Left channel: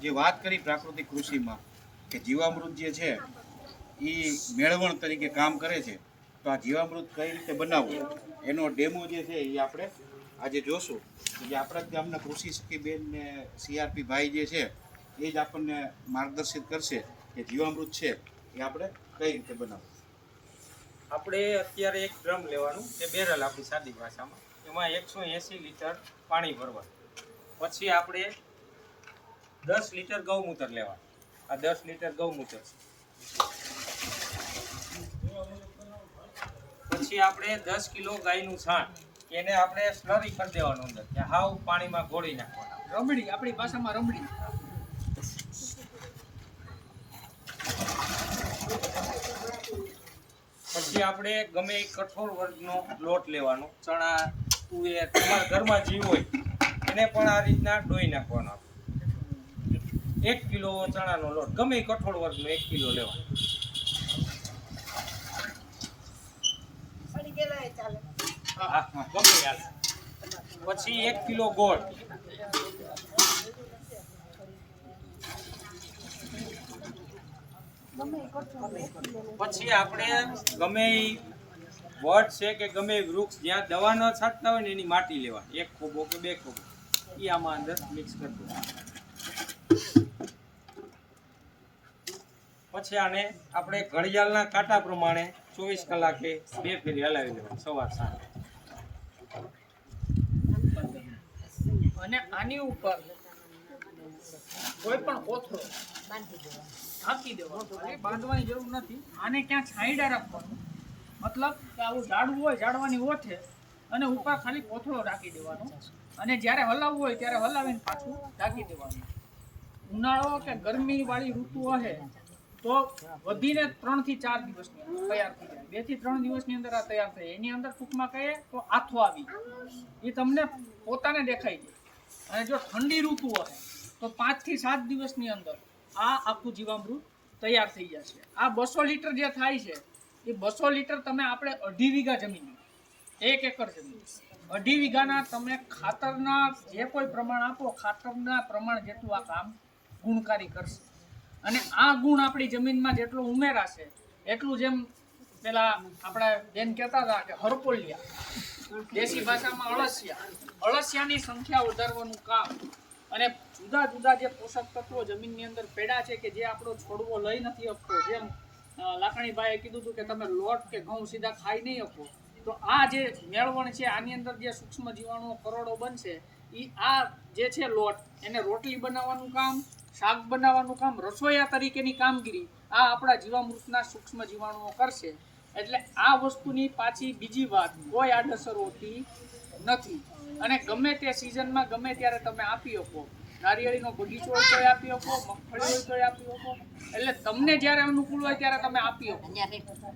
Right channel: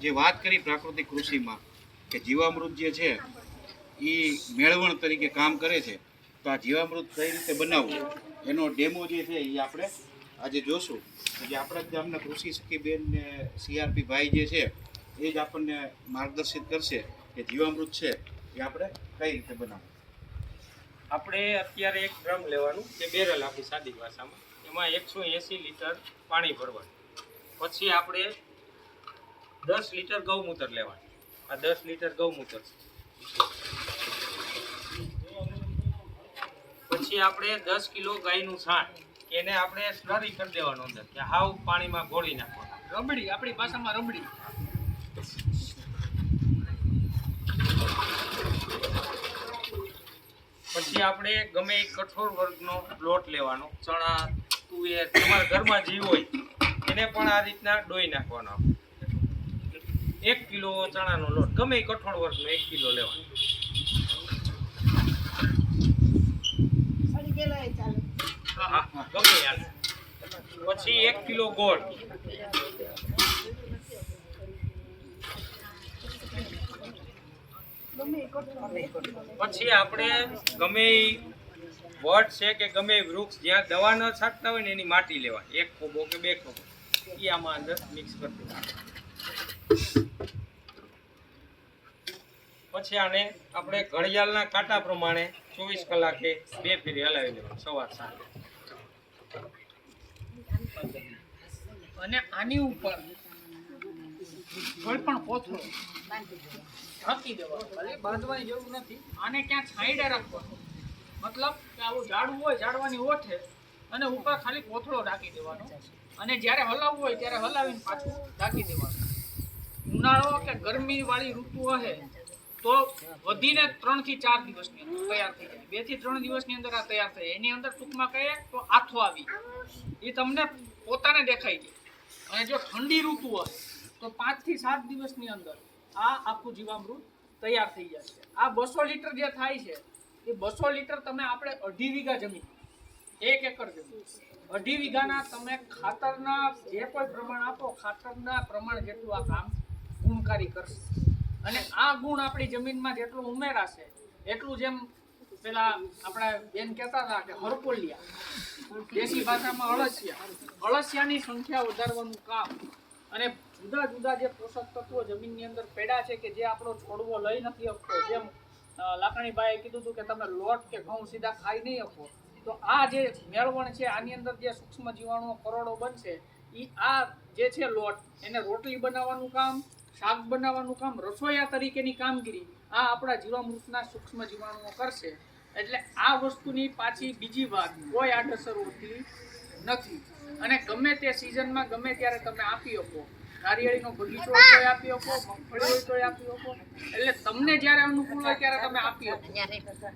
જે વાત કરી પ્રાકૃતિક કૃષિમાં કે જીવામૃત જે છે એ મેળવણ તરીકે કામ કરે છે, તો આ જીવામૃત કઈ રીતે બનાવવું એનો ડેમો જે છે એ આપણે આજે જોશું. જે આપણા જ ગામના કૃષિ સખીબેન ને સીઆરપી ભાઈ જે છે એ જ આપણને માર્ગદર્શિત કરશે કે જીવામૃત છે એ આપણે કઈ રીતે બનાવવું. આપણે અત્યારે એક ડ્રમ લેવાનું કે બેરલ આપણી સાદી ભાષામાં, એમાં 180 લીટર પાણી ભરવાનું. પછી આપણે 10 લીટર ગૌમૂત્ર લેવાનું. આ 10 લીટર ગૌમૂત્ર. પછી આપણે 10 કિલો ગાયનું છાણ, એને આપણે સ્લરી કરી દેવાનું અંદર, કે હાવ પાણીમાં ઘોળી નાખવાનું. રબડી, આપણી ભાષામાં રબડી. પછી આપણે ગમે એ કઠોળ વર્ગનો લોટ લેવાનો, ચણા, તુવેર, તમારા ઘરમાં જે હોય એને પણ આ રીતના ડોઈ નાખવાનો. 1 કિલો ચણાનો લોટ, ગમે એ કઠોળ વર્ગનો 1 કિલો લેવાનો. હા, ગમે યાર. પછી 1 કિલો ગોળ, પછી આપણે ગમે વડ છે કે ગમે વૃક્ષ જ્યાં દવા ન છાંટતા હોય ને એની માટી લેવાની, 1 ખોબો કે 2 ખોબો, એ આમાં અંદર મિક્સ કરી દેવાનું. પછી આને આપણે ઘડિયાળના કાંટા પ્રમાણે 24 કલાકે 2 ફેરી હલાવી દેવાનું, સવાર સાંજ. અને આની ઉપર કોઈ પણ કોથળો ઢાંકી દેવાનો, બાંધવાની જરૂર નથી. આને ક્યાં છાંયડા રાખવાનું, મતલબ કે આવું ઝાડવું હોય, ઝાડવાની ઓઠે અને ઉપર ખાલી કોથળો ઢાંકી દેવાનો, અને જ્યારે હલાવવું હોય ત્યારે હલાવીને પાછું ઢાંકી દેવાનું. ઉનાળો કે ગરમી વાળી ઋતુ હશે તો વધીને 3 થી 4 દિવસની અંદર તૈયાર થઈ જાય. 2 થી 3 દિવસની અંદર આ તૈયાર થાય. એની અંદર ટૂંકમાં કહીએ તો આથો આવી એ તમને પોતાને દેખાઈ જાય. અને જો ઠંડી ઋતુ હશે તો 5 થી 7 દિવસની અંદર આ આખું જીવામૃત તૈયાર થઈ જશે. આ 200 લીટર જે થાય છે એ 200 લીટર તમે આપણે 2.5 વીઘા જમીન, 1 એકર જમીન, 2.5 વીઘાના તમે ખાતરના જે કોઈ પ્રમાણ આપો, ખાતરના પ્રમાણ જેટલું આ કામ ગુણકારી કરશે. અને આ ગુણ આપણી જમીનમાં જેટલું ઉમેરાશે એટલું, જેમ પેલા આપણા બેન કહેતા હતા કે હરપોલિયા, દેશી ભાષામાં અળસિયાની સંખ્યા વધારવાનું કામ, અને જુદા જુદા જે પોષક તત્વો જમીનની અંદર પેડા છે કે જે આપણો છોડવો લઈ નથી શકતો, જેમ લાખણીભાઈએ કીધું હતું કે તમે લોટ કે ઘઉં સીધા ખાઈ નહીં શકો, તો આ જે મેળવણ છે આની અંદર જે સૂક્ષ્મ જીવાણુઓ કરોડો બનશે, એ આ જે છે લોટ, એને રોટલી બનાવવાનું કામ, શાક બનાવવાનું કામ, રસોઈયા તરીકેની કામગીરી આ આપણા જીવામૃતના સૂક્ષ્મ જીવાણુઓ કરશે. એટલે આ વસ્તુની પાછી બીજી વાત કોઈ આડઅસર હોતી નથી. અને ગમે તે સિઝનમાં ગમે ત્યારે તમે આપી શકો. નારિયેળીનો બગીચો હોય તોય આપી શકો, મગફળી હોય તોય આપી શકો, એટલે તમને જ્યારે અનુકૂળ હોય ત્યારે તમે આપી શકો.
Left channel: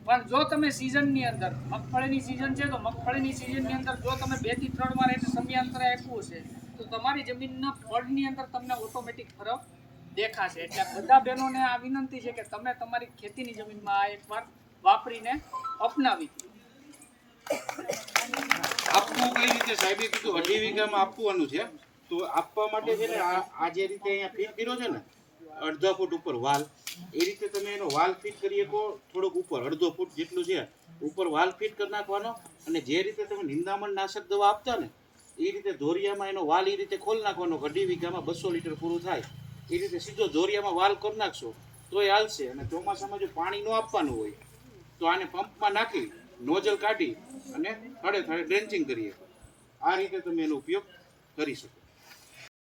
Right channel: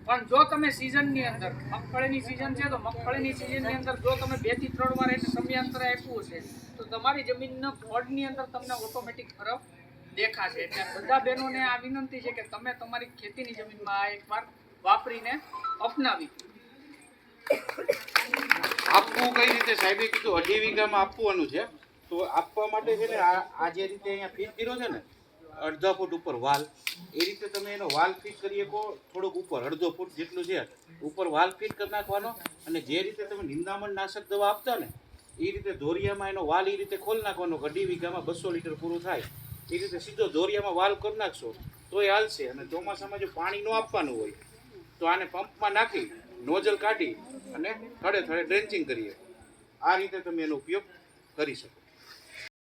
પણ જો તમે સિઝનની અંદર, મગફળીની સિઝન છે તો મગફળીની સિઝનની અંદર જો તમે 2 થી 3 વાર એને સમયાંતરે આપ્યું છે તો તમારી જમીનના ફળની અંદર તમને ઓટોમેટિક ફરક દેખાશે. એટલે બધા બહેનોને આ વિનંતી છે કે તમે તમારી ખેતીની જમીનમાં આ એકવાર વાપરીને અપનાવી. આપવું કઈ રીતે સાહેબે કીધું 2.5 વીઘામાં આપવાનું છે, તો આપવા માટે છે ને આ જે રીતે અહીંયા ફિટ કર્યો છે ને 1/2 ફૂટ ઉપર વાલ, એ રીતે તમે એનો વાલ ફિટ કરી શકો. થોડુંક ઉપર 1/2 ફૂટ જેટલું છે ઉપર વાલ ફિટ કરી નાખવાનો. અને જે રીતે તમે નિંદામણ નાશક દવા આપતા ને એ રીતે ધોરિયામાં એનો વાલ એ રીતે ખોલી નાખવાનો. 2.5 વીઘામાં 200 લીટર પૂરું થાય એ રીતે સીધો ધોરિયામાં વાલ કરી નાખશો તોય હાલશે. અને ચોમાસામાં જો પાણી ન આપવાનું હોય તો આને પંપમાં નાખી નોઝલ કાઢી અને થડે થડે ડ્રેન્ચિંગ કરીએ. આ રીતે તમે એનો ઉપયોગ કરી શકો.